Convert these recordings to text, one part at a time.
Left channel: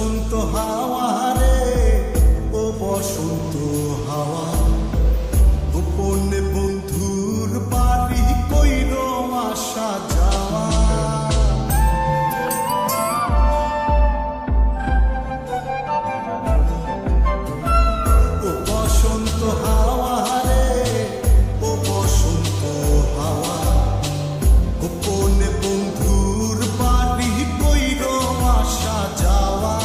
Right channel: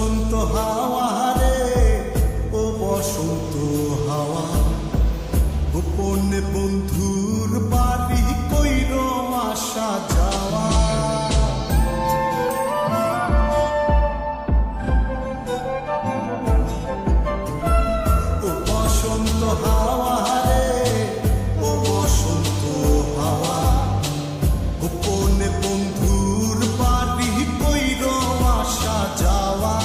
বসন্ত হাওয়া রে, ও বসন্ত হাওয়া, গোপনে বন্ধুর বাড়ি কইর আসা যাওয়া। ও বসন্ত হাওয়া রে, ও বসন্ত হাওয়া, গোপনে বন্ধুর বাড়ি কইর আসা যাওয়া।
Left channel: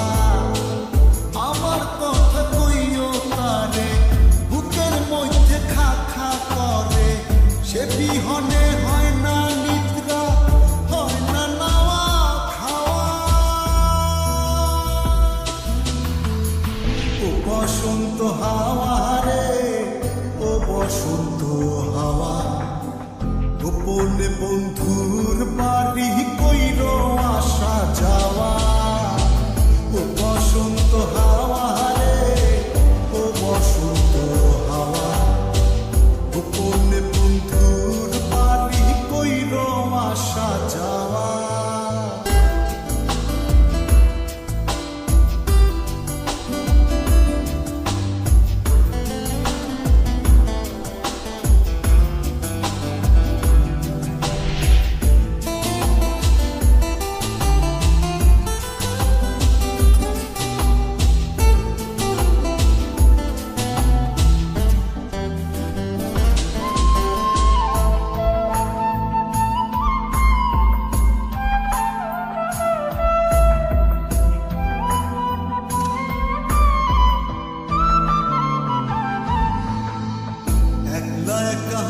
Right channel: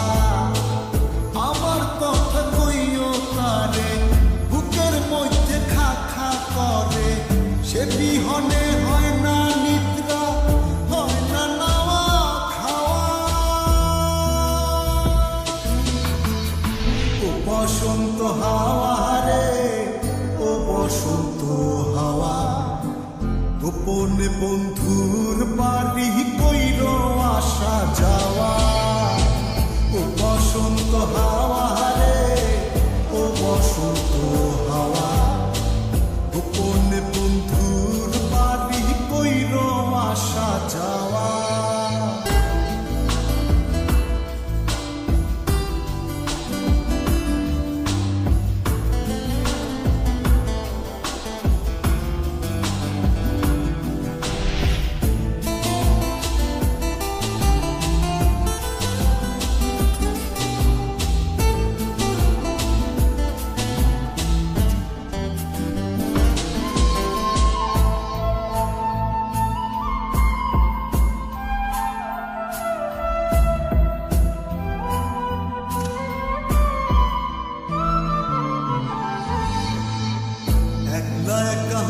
আমার কথা কইও তারে, বুকের মধ্যে খা খা করে, সে বিহনে হয় না নিদ্রা, হয় না নাওয়া খাওয়া। ও বসন্ত হাওয়া রে, ও বসন্ত হাওয়া, গোপনে বন্ধুর বাড়ি কইর আসা যাওয়া। ও বসন্ত হাওয়া রে, ও বসন্ত হাওয়া, গোপনে বন্ধুর বাড়ি কইর আসা যাওয়া। একলা একা